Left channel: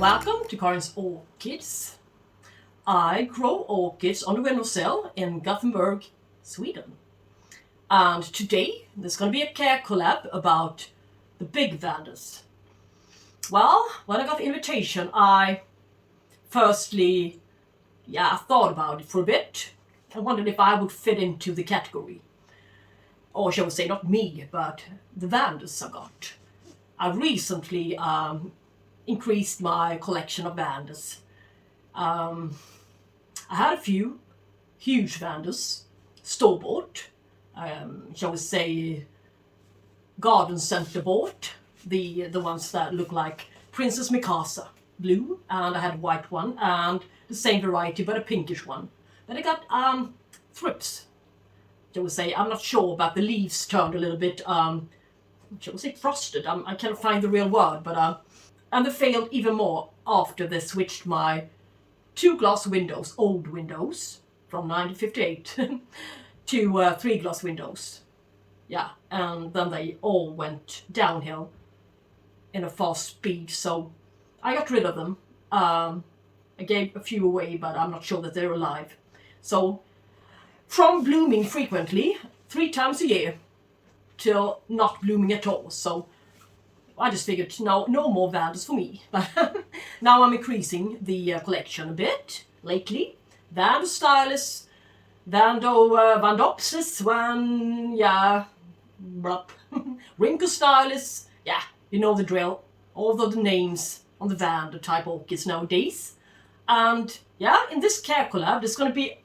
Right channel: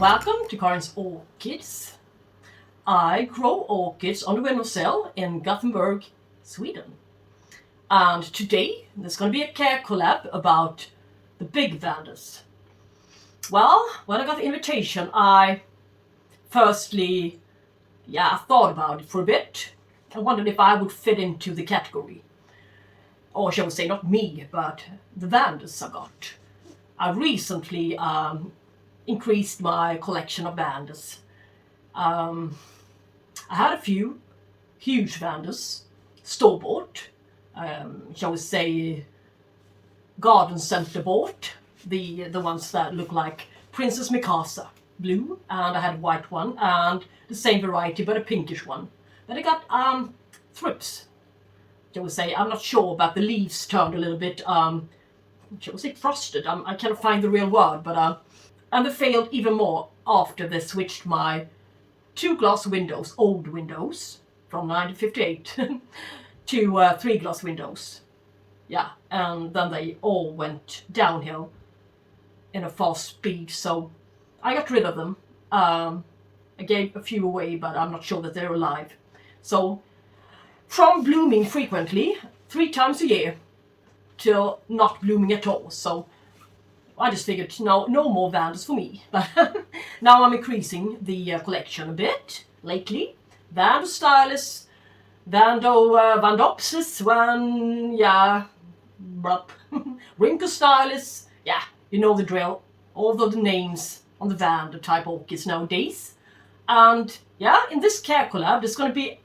Welcome to Karin's Orchids. I grow orchids on the Windowsill in Gothenburg, Sweden. And today there's going to be a care collab about the Big Vandas. Well, when I got the invitation, I firstly, thought about it for a bit. I wondered if I would fit into the category. Or shall we say, not me, but the Vandas I got. I recently increased my collection of Vandas. I had a few huge Vandas, store-bought, shall we say, garden center bought, the ones that look like Princess Mikasa, blue, and I had a white one, and the same variety but a pinkish one. Then I got thrips, shall we say. I'm not sure, but the leaves turned a little bit, shall we say, frosted. I can't find the real word, but and they failed even more after they switched my 2 glass windows, old windows from 1958 to 3 glass windows. Yeah, and then they all went downhill in a fast speed, so I got rid of them. I gave a few away, but I'm not sure that they're alive. So from blooming frequently 3 times a year till not blooming at all. So I just figured no more Vandas for me. But now I'm increasing the collection a bit lately. Vanda Stylus, Vandopsis, Wrinkle Stylus, you know the drill. All the names on the Vanda type orchids nowadays. And in this care collab there's going to be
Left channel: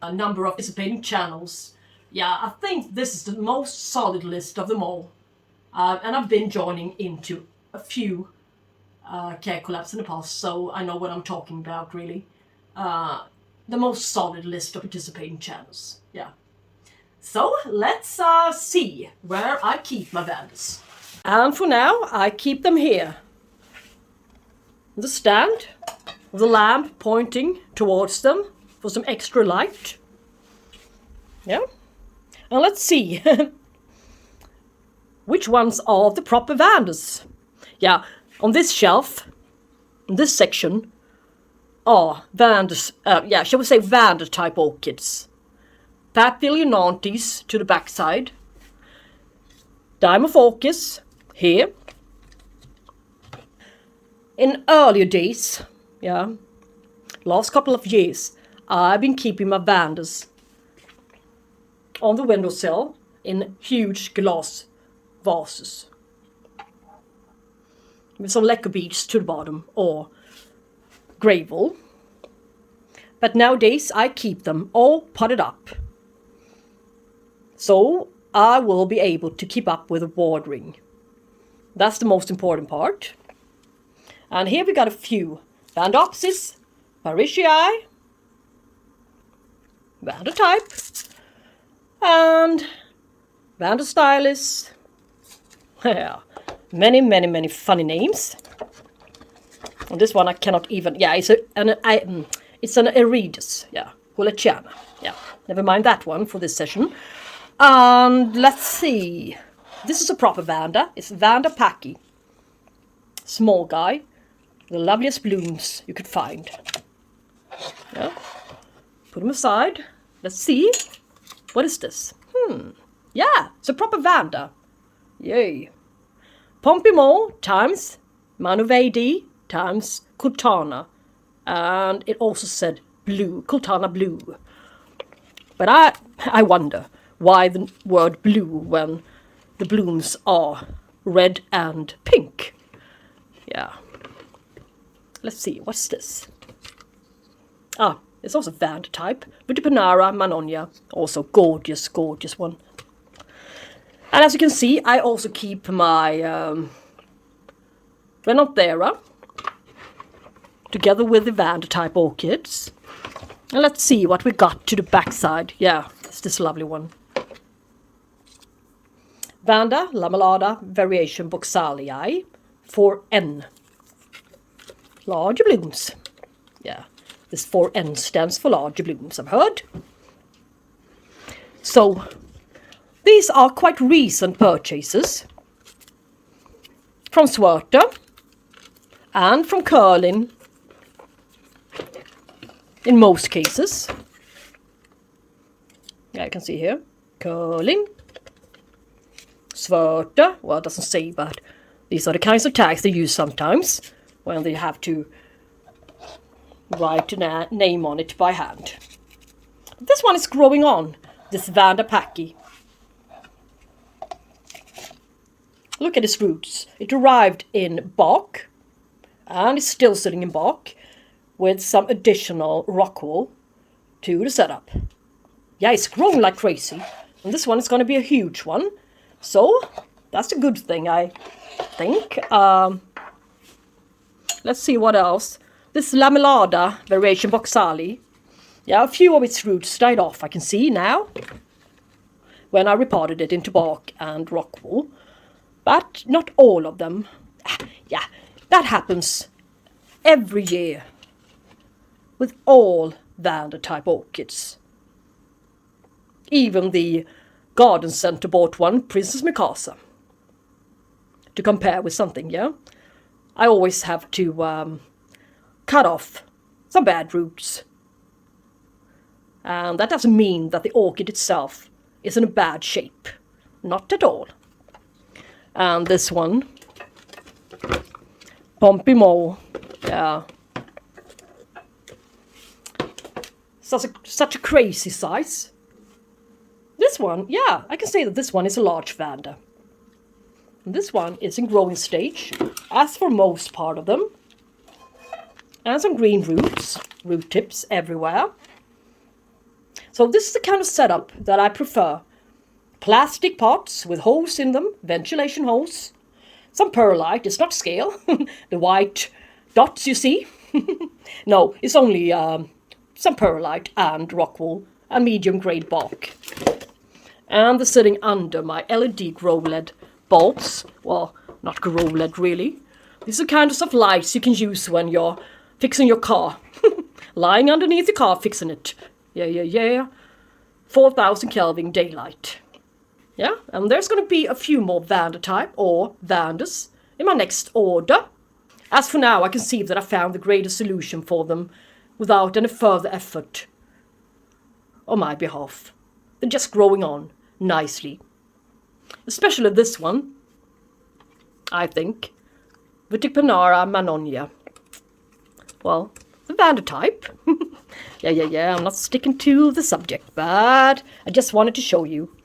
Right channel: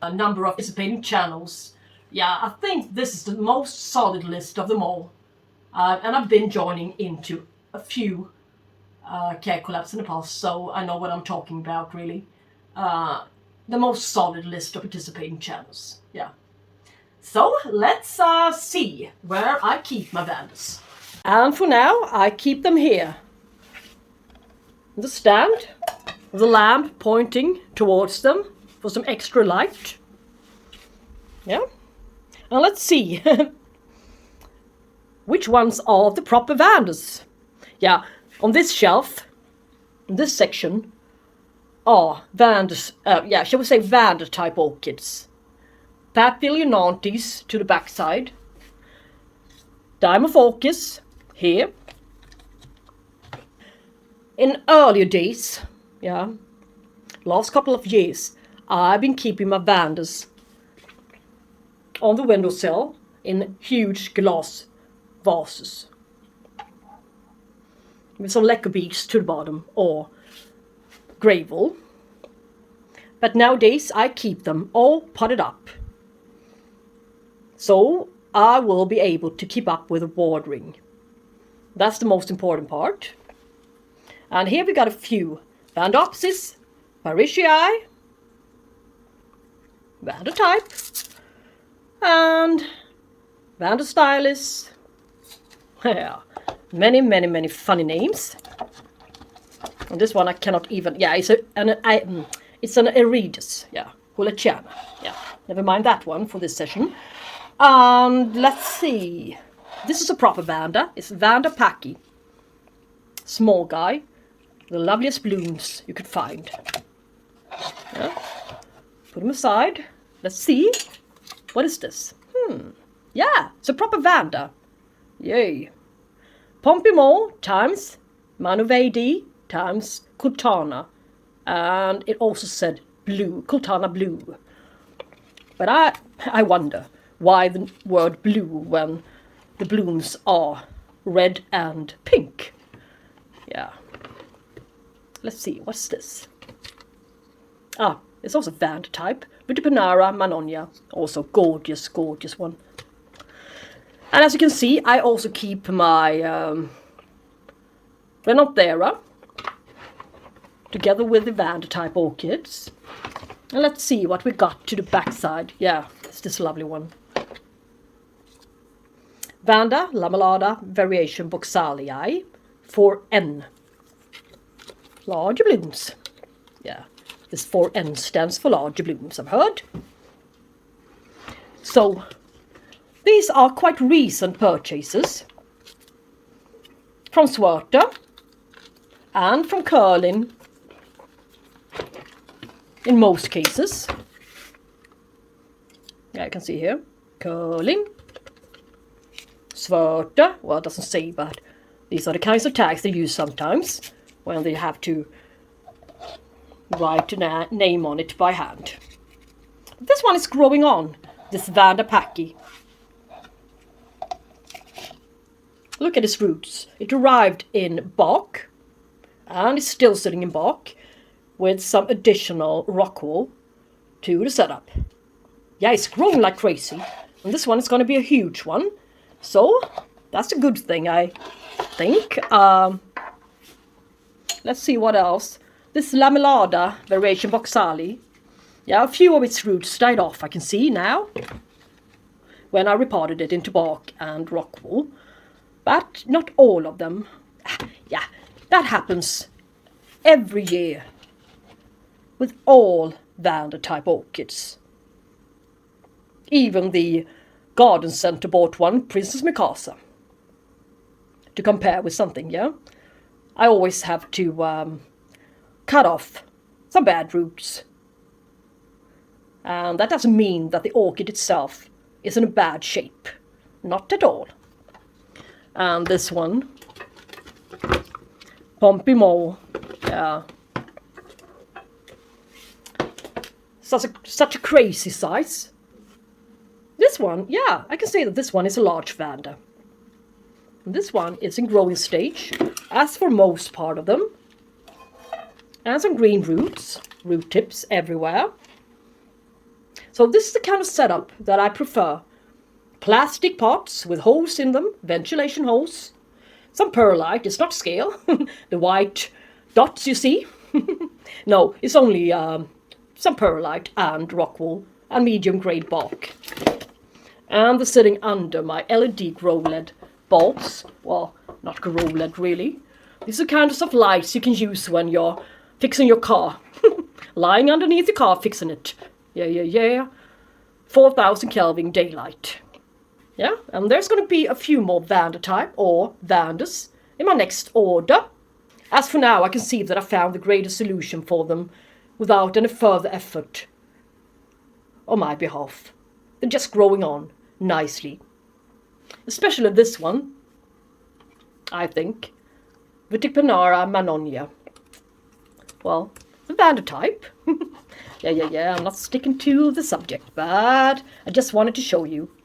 a number of participating channels. I think this is the most solid list of them all. And I've been joining into a few care collabs in the past, so I know what I'm talking about, really. The most solid list of participating channels, So let's see where I keep my Vandas. And for now, I keep them here. The stand with the lamp pointing towards them for some extra light. Now let's see which ones are the proper Vandas. On this shelf, in this section, are Vandas, shall we say Vanda type orchids. Papilionantes to the backside. Dimorphorchis here. In earlier days, last couple of years, I've been keeping my Vandas on the windowsill in huge glass vases with some lacquer beads to the bottom or gravel. But nowadays I keep them all potted up, so I will be able to keep up with the watering. That's the most important part. And here we got a few Vandopsis, Parishii, Vanda type, and Vanda Stylus. Many funny names. And this one I cannot even. It's an Eridus. Hulachana. Never mind that one for this session. And let's see. This is a proper Vanda. It's Vanda Paki. Small guy. The loveliest blooms you could find. Put them aside. Let's see. What is this? It's a proper Vanda. Yay. Ponpimol times Manoonya times Kultana. And it also said blue, Kultana blue. But I wonder why the word blue when the blooms are red and pink. Let's see, what's this? It's also Vanda type. Wuttipanara, Manoonya. Also gorgeous one. And as you can see, I also keep my Repotting together with the Vanda type orchids. And let's see what we got to the backside. It's this lovely one. Vanda Lamellata Variation Boxalii 4N. Larger blooms. This 4N stands for larger blooms, I've heard. So these are quite recent purchases from Swerter and from curling in most cases. Yeah, you can see here, curling, svörta, well it doesn't say, but these are the kinds of tags they use sometimes when they have to write a name on it by hand. This one is growing on, this Vanda Paki. Look at its roots. It arrived in bark and is still sitting in bark with some additional rock wool to the setup. Yeah, it's growing like crazy. And this one is going to be a huge one. So that's a good thing, I think. Let's see what else. This lamellada variation Boxali. Yeah, a few of its roots died off, I can see now, when I repotted it into bark and rock wool. But not all of them. Yeah, that happens every year with all Vanda type orchids. Even the garden centre bought one, Princess Mikasa, to compare with something, yeah? I always have to cut off some bad roots. And that doesn't mean that the orchid itself is in a bad shape. Not at all. And this one, Ponpimol, yeah. Such a crazy size. This one, yeah, I can say that this one is a large Vanda. This one is in growing stage, as for most part of them. And some green roots, root tips everywhere. So this is the kind of setup that I prefer. Plastic pots with holes in them, ventilation holes. Some perlite, it's not scale. The white dots you see. No, it's only some perlite and rock wool and medium grade bark. And they're sitting under my LED grow LED bulbs. Well, not grow LED really. These are kind of lights you can use when you're fixing your car. Lying underneath the car fixing it. Yeah. 4,000 Kelvin daylight. Yeah, and there's going to be a few more Vanda type or Vandas in my next order. As for now, I can see that I found the greatest solution for them without any further effort on my behalf. They're just growing on nicely. Especially this one, I think. Wuttipanara Manoonya. Well, the Vanda type. Yeah, I'm not sticking to the subject, but I just wanted to show you.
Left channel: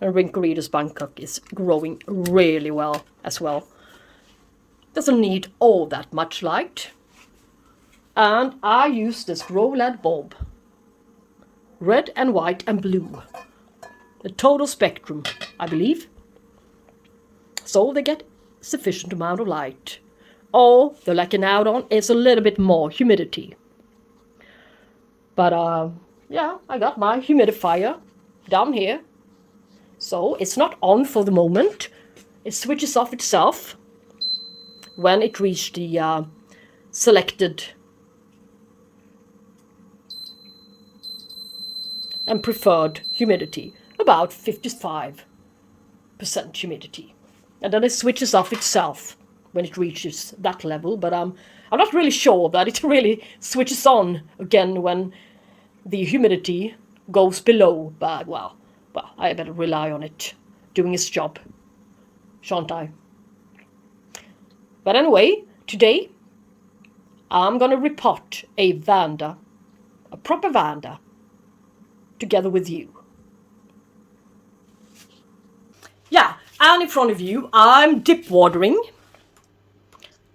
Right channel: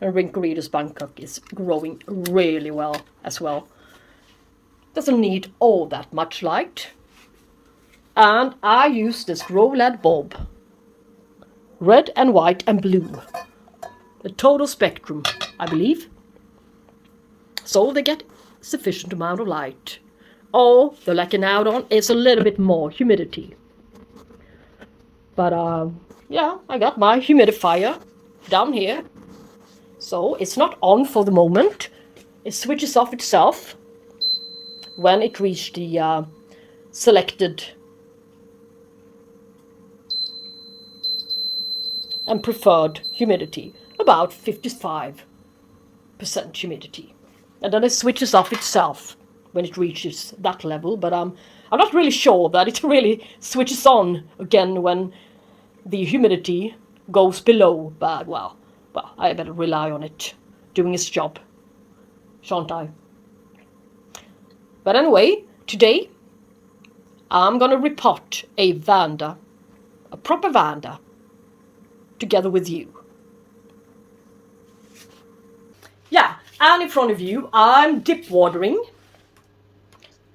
And Rinkoreader's Bangkok is growing really well as well. Doesn't need all that much light. And I use this grow LED bulb. Red and white and blue. The total spectrum, I believe. So they get sufficient amount of light. All they're lacking out on is a little bit more humidity. But yeah, I got my humidifier down here. So it's not on for the moment. It switches off itself when it reaches the selected and preferred humidity, about 55% humidity. And then it switches off itself when it reaches that level, but I'm not really sure that it really switches on again when the humidity goes below, but well, I better rely on it doing its job, shan't I? But anyway, today I'm gonna repot a Vanda, a proper Vanda, together with you. Yeah, and in front of you I'm dip watering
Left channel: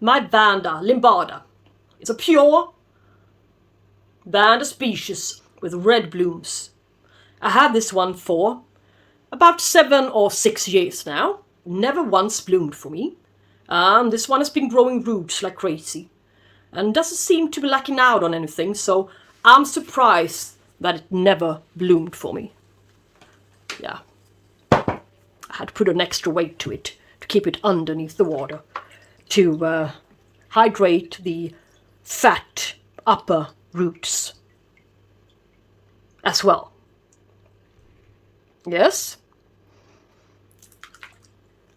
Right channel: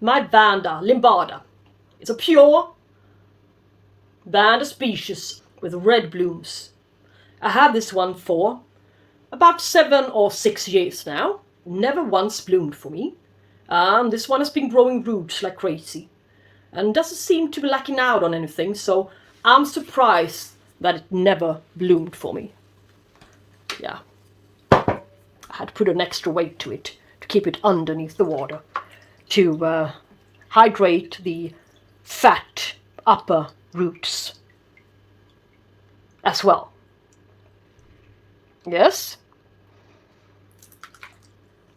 my Vanda limbada. It's a pure Vanda species with red blooms. I have this one for about 7 or 6 years now. Never once bloomed for me. This one has been growing roots like crazy. And doesn't seem to be lacking out on anything, so I'm surprised that it never bloomed for me. Yeah. I had to put an extra weight to it to keep it underneath the water. To hydrate the fat upper roots as well. Yes.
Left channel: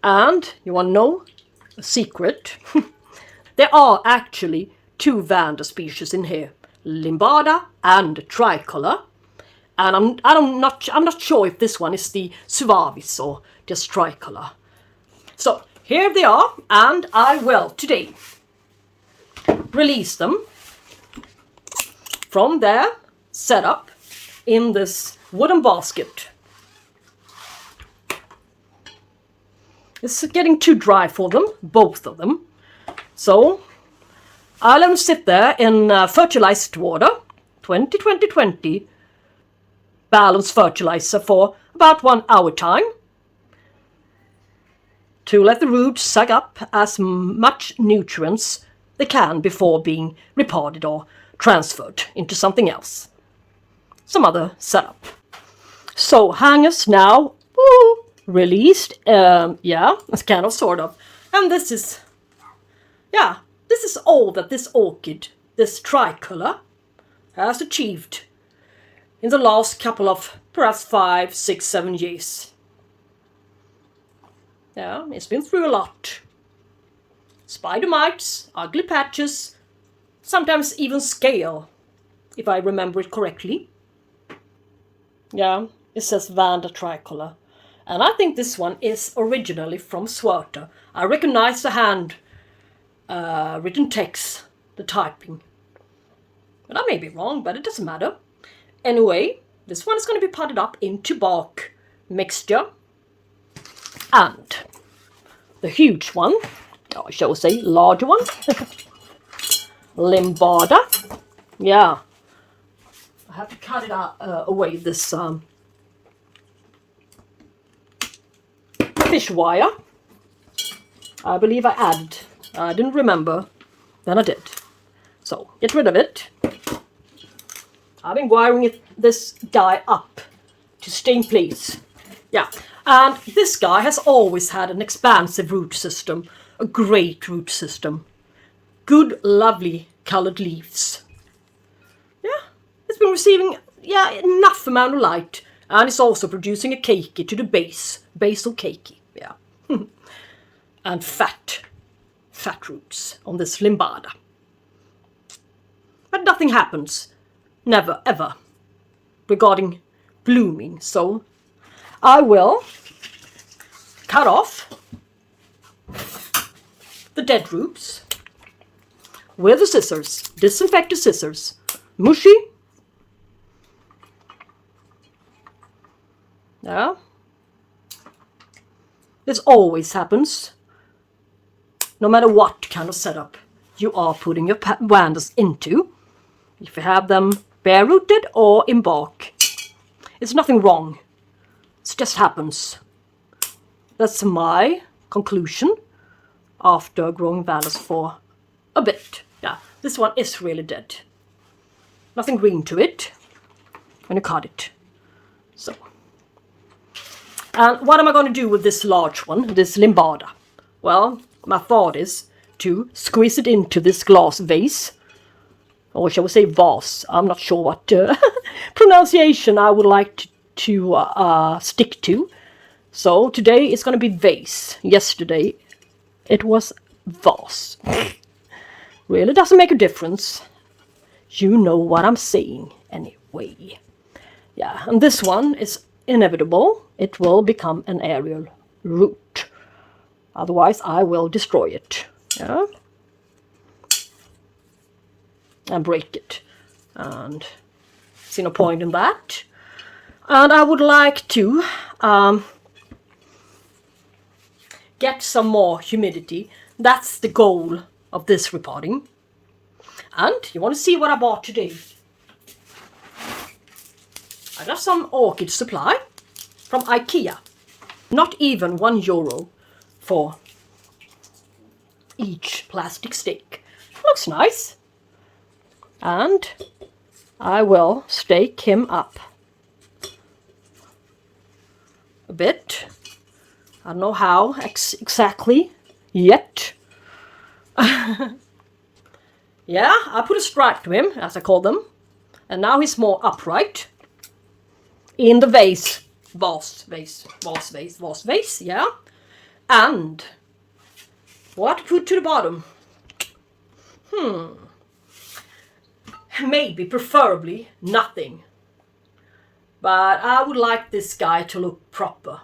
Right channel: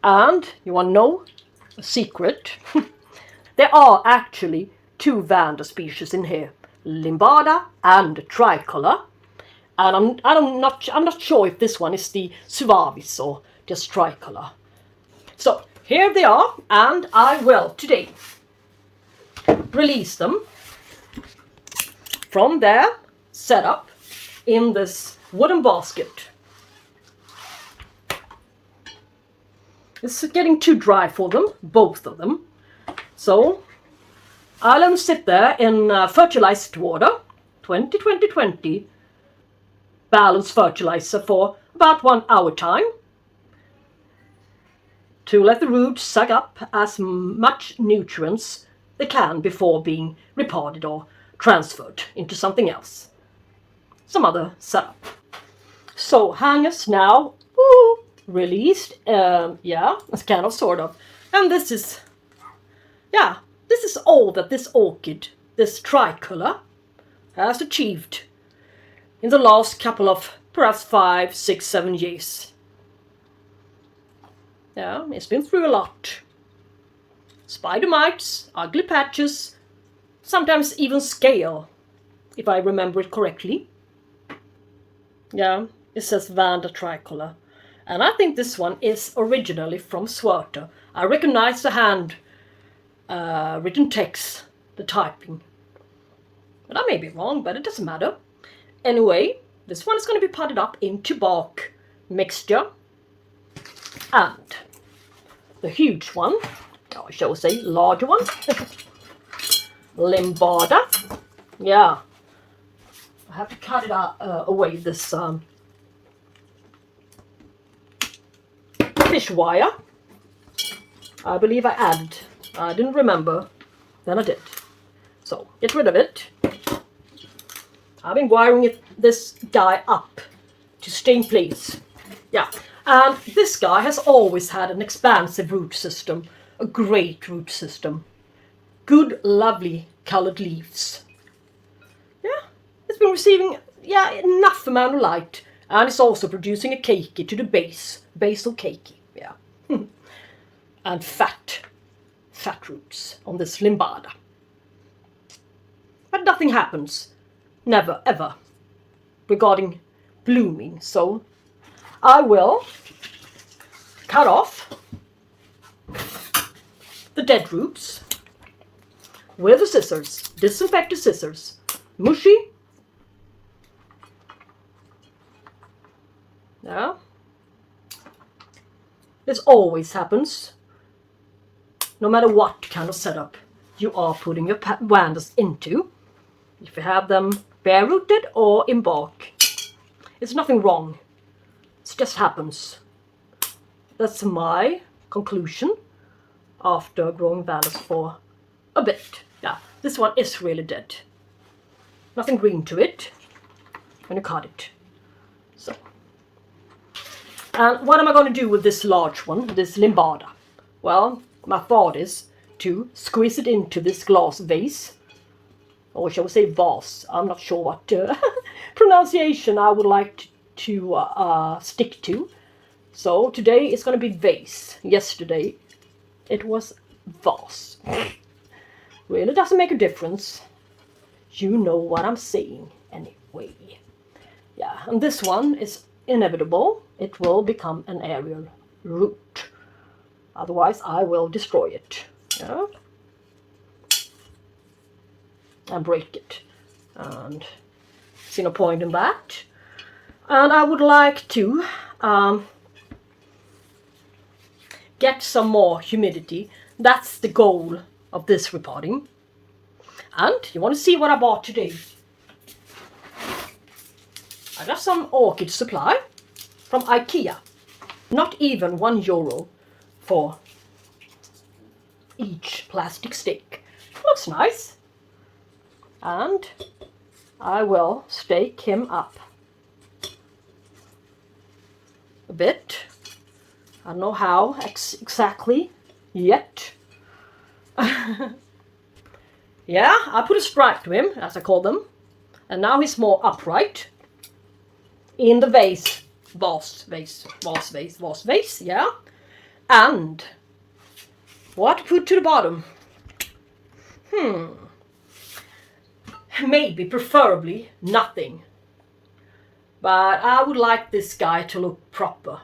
And you want to know a secret? There are actually two Vanda species in here, Limbada and Tricolor. And I'm not sure if this one is the Suavis or just Tricolor. So here they are, and I will today release them from their setup in this wooden basket. It's getting too dry for them, both of them. So I'll let them sit there in fertilized water, 20-20-20, balanced fertilizer for about 1 hour time, to let the roots suck up as much nutrients they can before being repotted or transferred into something else, some other setup. So hangers now released, yeah, it's kind of sort of, and this is, yeah, this is all that this orchid, this tricolor, has achieved in the last couple of perhaps 5, 6, 7 years. Yeah, it's been through a lot. Spider mites, ugly patches, sometimes even scale, if I remember it correctly. Yeah, it says Vanda tricolor. And I think this one is originally from Swerter. I recognize the hand written text, the typing. But I may be wrong, but it doesn't matter. Anyway, this one is going to be potted up into bark mixture. And the huge one, or I shall say larger one, Limbada. Yeah, I have to cut it out, away this fish wire. I believe I added. I didn't remember. Then I did. So get rid of it. I've been wiring this guy up to stay in place. Yeah, and this guy has always had an expansive root system, a great root system. Good, lovely colored leaves. Yeah, it's been receiving enough amount of light, and it's also producing a keiki to the base, basal keiki. Yeah, and fat roots on this Limbada. But nothing happens, never ever, regarding blooming. So I will cut off the dead roots with the scissors, disinfected scissors, mushy. Yeah, this always happens, no matter what kind of setup you are putting your Vandas into. If you have them bare rooted or in bark, it's nothing wrong. It just happens. That's my conclusion after growing Vandas for a bit. Yeah, this one is really dead. Nothing green to it when you cut it. So, and what am I going to do with this large one, this Limbada? Well, my thought is to squeeze it into this glass vase, or shall we say vase? I'm not sure what pronunciation I would like to stick to. So today it's going to be vase. Yesterday it was vase. Really doesn't make a difference. You know what I'm saying anyway. Yeah, and this one is inevitable. It will become an aerial root. Otherwise I will destroy it. Yeah, and break it, and see no point in that. And I would like to get some more humidity. That's the goal of this repotting. And you want to see what I bought today? I got some orchid supply from IKEA. Not even €1 for each plastic stick. Looks nice. And I will stake him up a bit. I don't know how exactly yet. Yeah, I put a stripe to him, as I call them. And now he's more upright. In the vase. Vase, yeah. And what to put to the bottom? Maybe, preferably, nothing. But I would like this guy to look proper.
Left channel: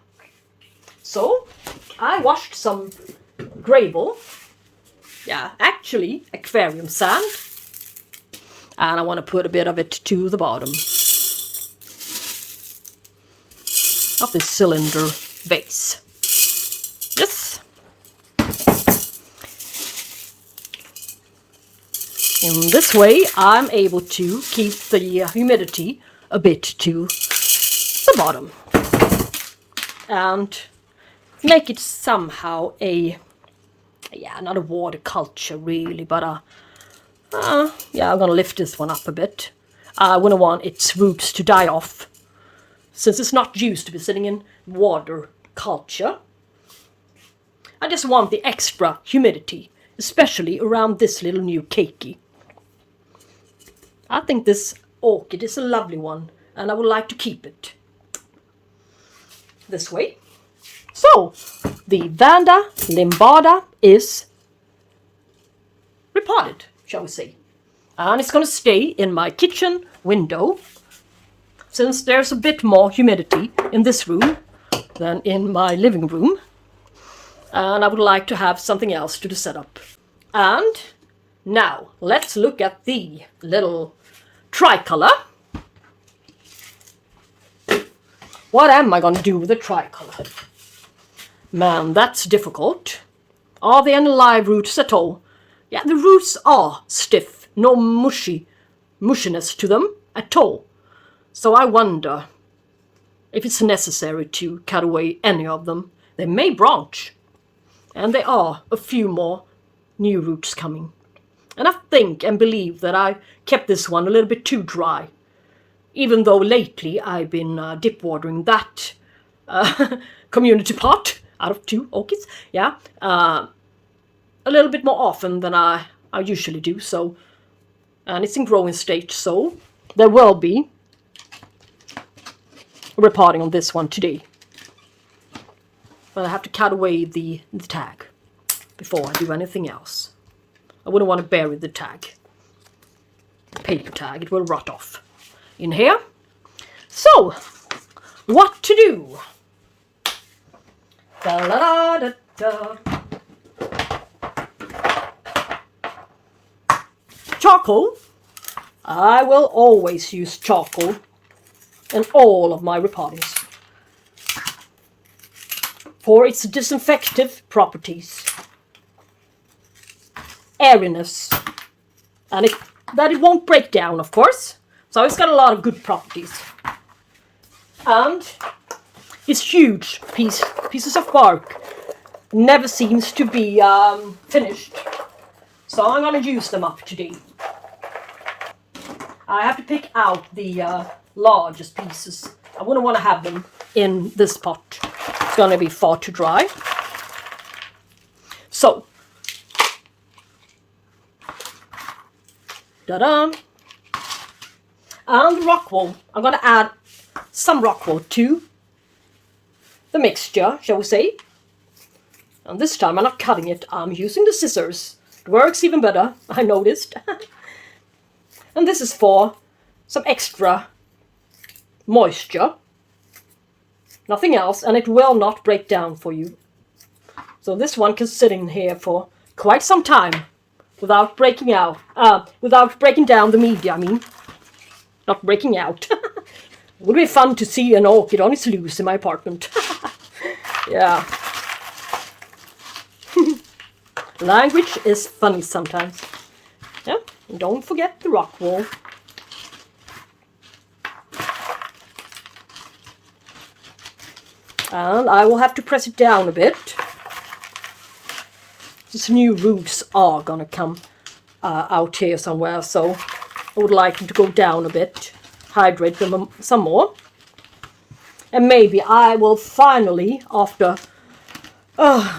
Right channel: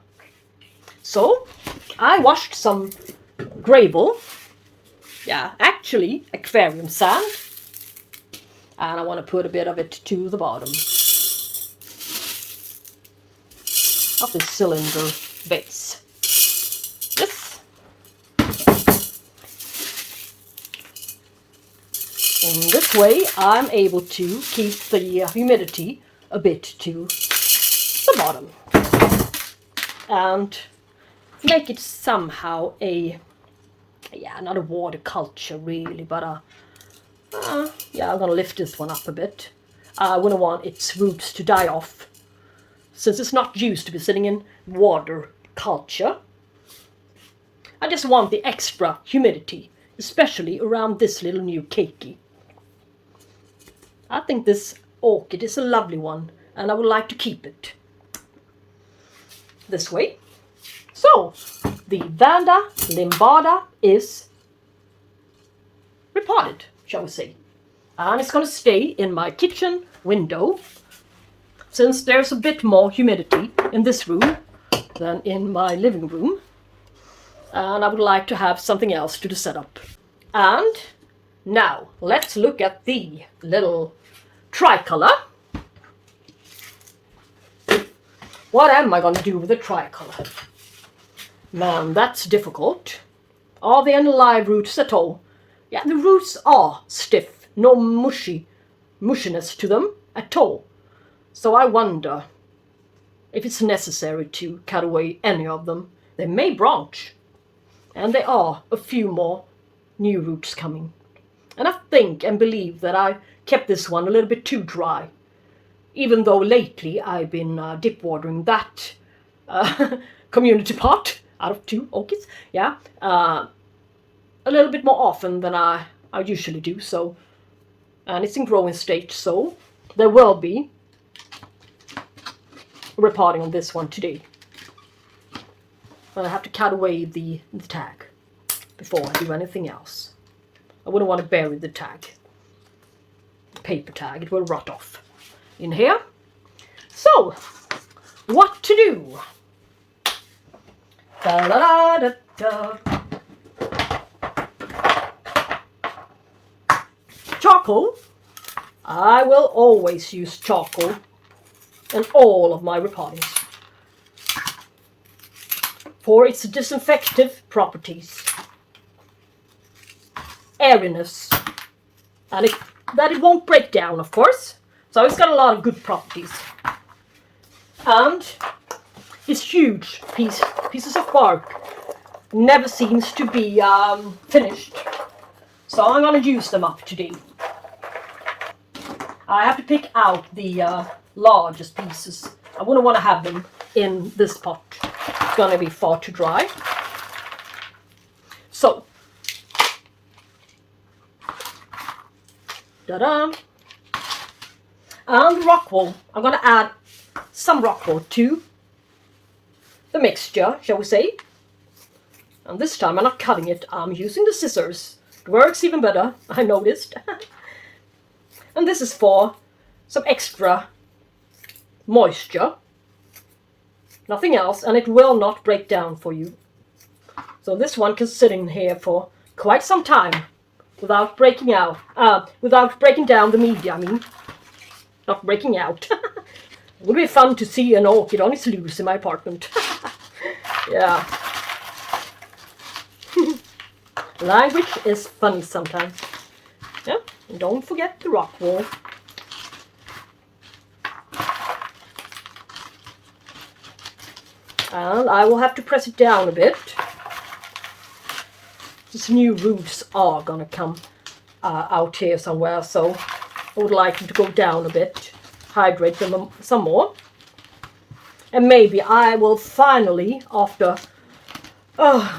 So, I washed some gravel. Yeah, actually, aquarium sand. And I want to put a bit of it to the bottom of this cylinder base. Yes. In this way, I'm able to keep the humidity a bit to the bottom. And make it somehow not a water culture really, but yeah, I'm gonna lift this one up a bit. I wouldn't want its roots to die off, since it's not used to be sitting in water culture. I just want the extra humidity, especially around this little new keiki. I think this orchid is a lovely one, and I would like to keep it this way. So, the Vanda limbata is repotted, shall we say. And it's going to stay in my kitchen window, since there's a bit more humidity in this room than in my living room. And I would like to have something else to the setup. And now, let's look at the little tricolor. What am I going to do with the tricolor? Man, that's difficult. Are there any live roots at all? Yeah, the roots are stiff, no mushiness to them at all. So I wonder if it's necessary to cut away any of them. They may branch. And there are a few more new roots coming. And I think and believe that I kept this one a little bit too dry. Even though lately I've been dip watering that community pot out of 2 orchids. Yeah, a little bit more often than I usually do. So, and it's in growing stage, so there will be repotting on this one today. But I have to cut away the tag before I do anything else. I wouldn't want to bury the tag, the paper tag. It will rot off in here. So, what to do? Da, da, da, da, da. Charcoal. I will always use charcoal in all of my repottings for its disinfective properties, airiness, and that it won't break down, of course. So it's got a lot of good properties. And these huge pieces of bark never seems to be finished. So I'm going to use them up today. I have to pick out the largest pieces. I wouldn't want to have them in this pot. It's going to be far too dry. So, ta-da! And rock wool. I'm going to add some rock wool to the mixture, shall we say. And this time I'm not cutting it, I'm using the scissors. It works even better, I noticed. And this is for some extra moisture. Nothing else, and it will not break down for you. So this one can sit in here for quite some time without breaking out. Without breaking down the media, I mean. Not breaking out. It would be fun to see an orchid on its loose in my apartment. Yeah. Language is funny sometimes. Yeah, and don't forget the rock wool. And I will have to press it down a bit. These new roots are gonna come out here somewhere, so I would like them to go down a bit, hydrate them some more. And maybe I will finally, after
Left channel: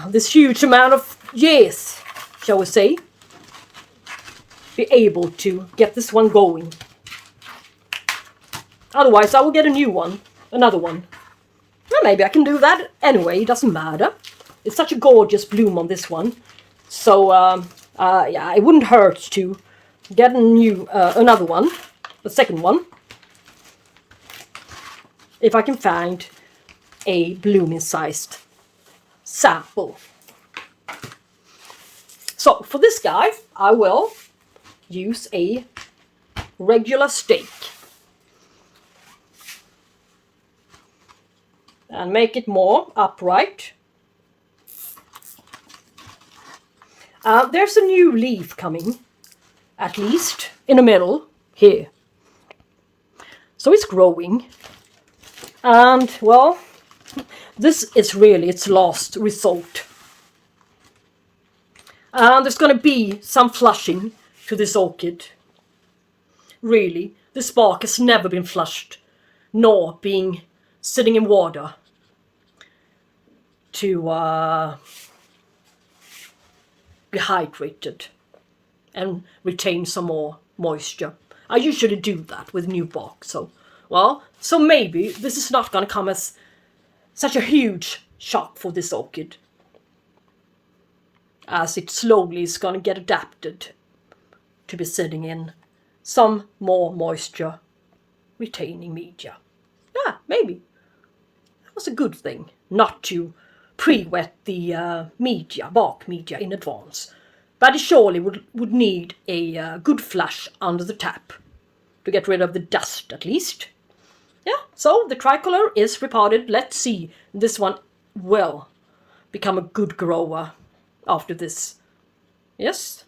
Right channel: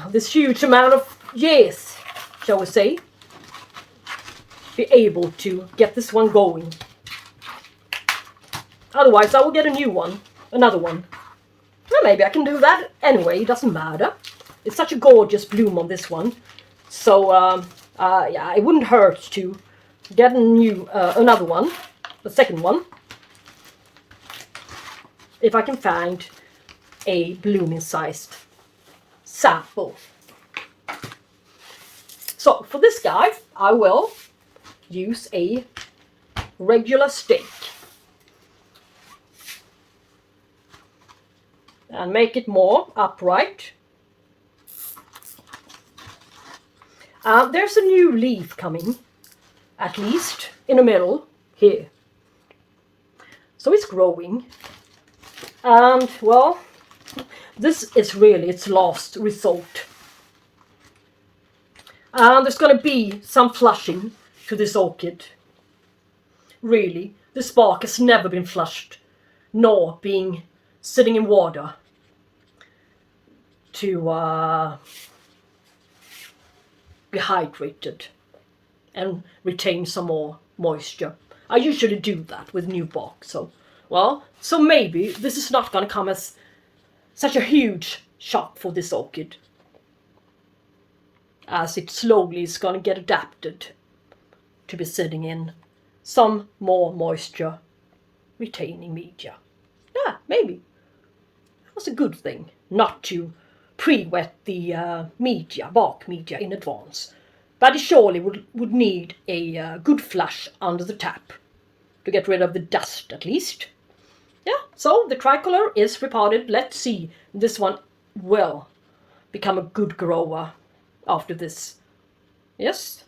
this huge amount of years, shall we say, be able to get this one going. Otherwise I will get a new one, another one. Well, maybe I can do that anyway, it doesn't matter. It's such a gorgeous bloom on this one. So Yeah, it wouldn't hurt to get another one, the second one, if I can find a blooming sized sample. So for this guy, I will use a regular stake and make it more upright. There's a new leaf coming, at least in the middle here. So it's growing, and well, this is really its last resort. There's going to be some flushing to this orchid. Really, this bark has never been flushed, nor being sitting in water to be hydrated and retain some more moisture. I usually do that with new bark, so maybe this is not going to come as such a huge shock for this orchid, as it slowly is going to get adapted to be sitting in some more moisture retaining media. Yeah, maybe that was a good thing not to pre-wet the bark media in advance, but it surely would need a good flush under the tap to get rid of the dust at least. Yeah, so the tricolor is repotted. Let's see, this one will become a good grower after this. Yes.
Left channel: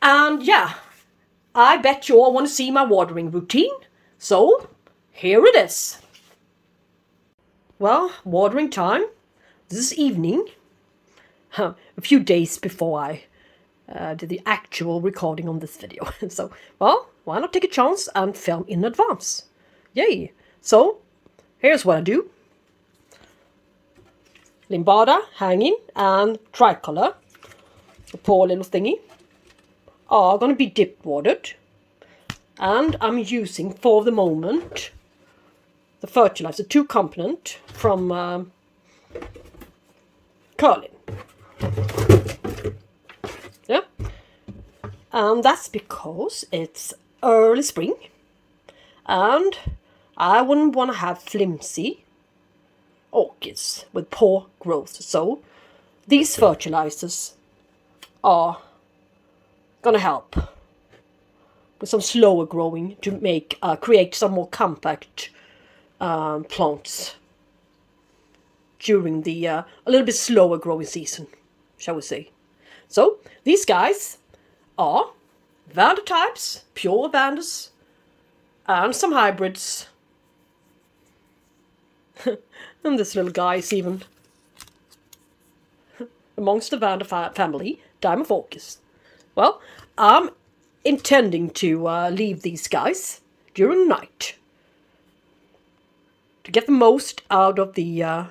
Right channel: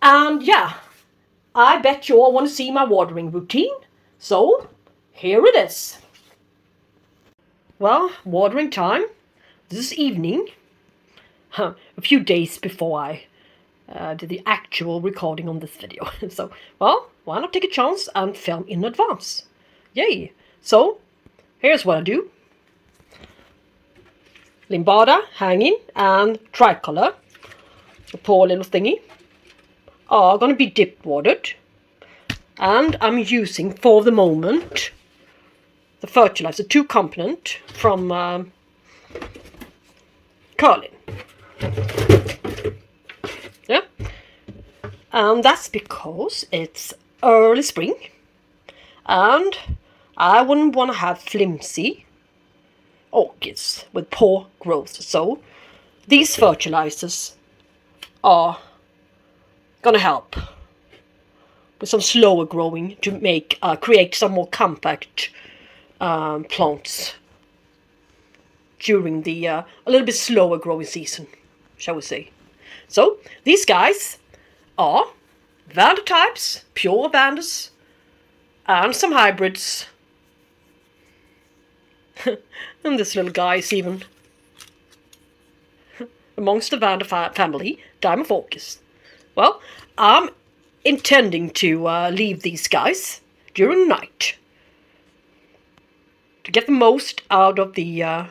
And yeah, I bet you all want to see my watering routine, so here it is. Well, watering time this evening, a few days before I did the actual recording on this video. So, well, why not take a chance and film in advance? Yay! So, here's what I do. Limbada hanging and tricolor, the poor little thingy, are going to be dip watered. And I'm using, for the moment, the fertilizer 2 component from Karin. Yeah. And that's because it's early spring and I wouldn't want to have flimsy orchids with poor growth. So these fertilizers are going to help with some slower growing to make create some more compact plants during the a little bit slower growing season, shall we say. So these guys are Vanda types, pure Vandas, and some hybrids. And this little guy is even amongst the Vanda family, Diamond Orchis. Well, I'm intending to leave these guys during the night to get the most out of the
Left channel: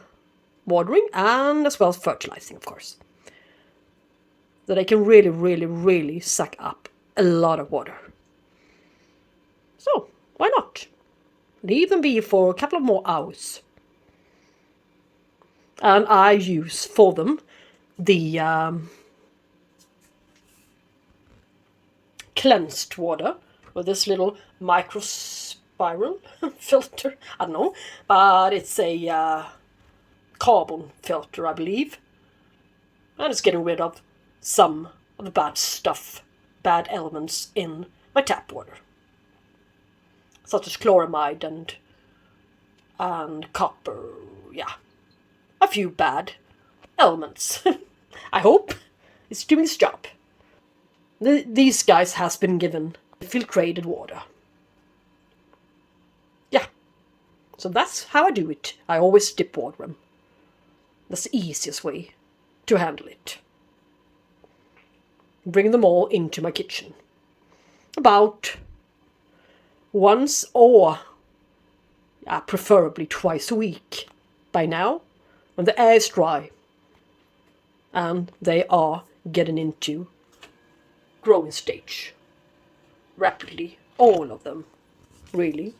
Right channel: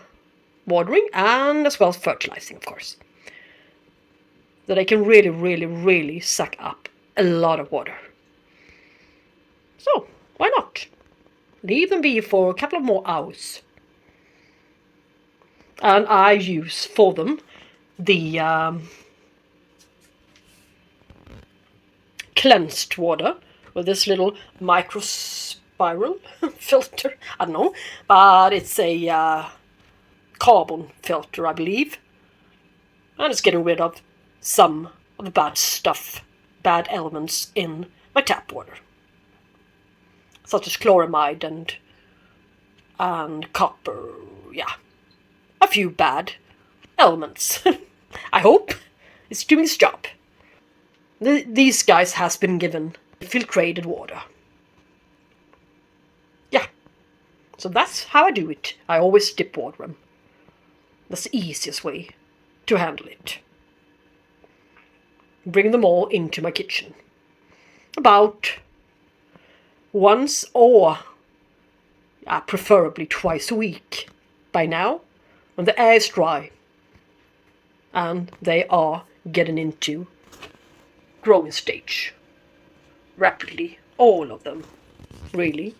watering and as well as fertilizing, of course. So they can really, really, really suck up a lot of water. So, why not? Leave them be for a couple of more hours. And I use for them the cleansed water with this little microspiral filter. I don't know, but it's a carbon filter, I believe. And it's getting rid of some of the bad stuff, bad elements in my tap water, such as chloramide and copper. Yeah, a few bad elements. I hope it's doing its job. These guys has been given filtrated water. Yeah, so that's how I do it. I always dip water them. That's the easiest way to handle it. Bring them all into my kitchen. About once or preferably twice a week by now, when the air is dry and they are getting into growing stage rapidly. All of them, really.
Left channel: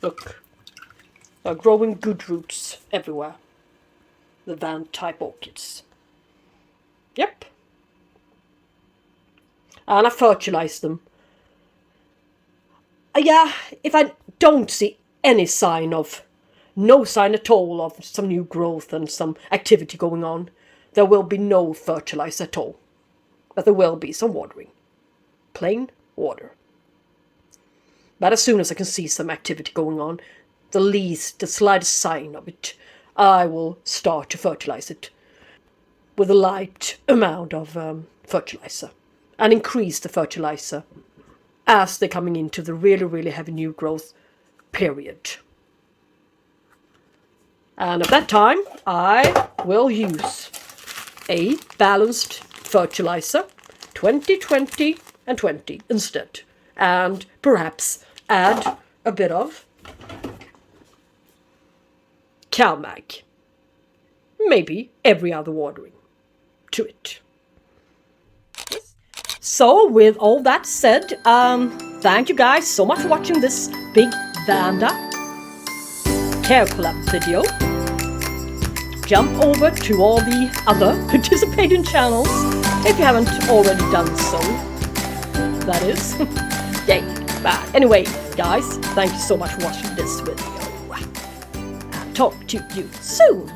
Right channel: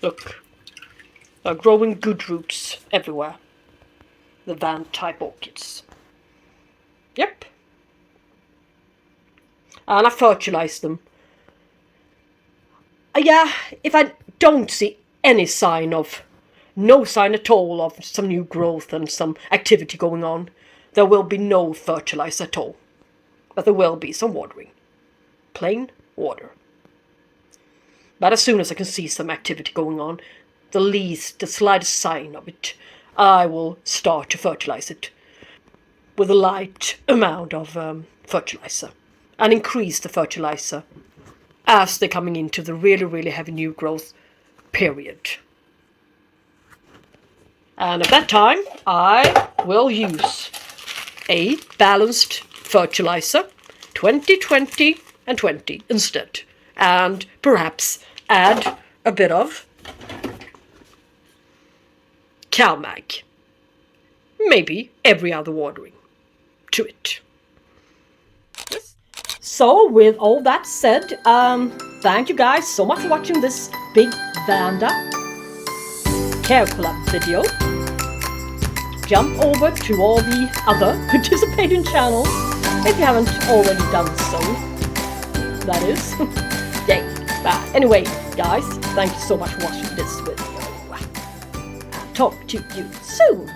Look, are growing good roots everywhere. The Vanda type orchids. Yep. And I fertilize them. Yeah, if I don't see any sign of, no sign at all of some new growth and some activity going on, there will be no fertilizer at all. But there will be some watering. Plain water. But as soon as I can see some activity going on, the slightest sign of it, I will start to fertilize it with a light amount of fertilizer. And increase the fertilizer as they're coming into the really, really heavy new growth period. And at that time, I will use a balanced fertilizer, 20, 20, and 20 instead. And perhaps add a bit of CalMag. Maybe every other watering to it. So with all that said, thank you guys so much for watching this Big Vanda Care Collab video. Jump over to all the other participating channels if you haven't already done so. That is. Yay. But anyway, guys, thank you so much for watching this video. Talk to you soon.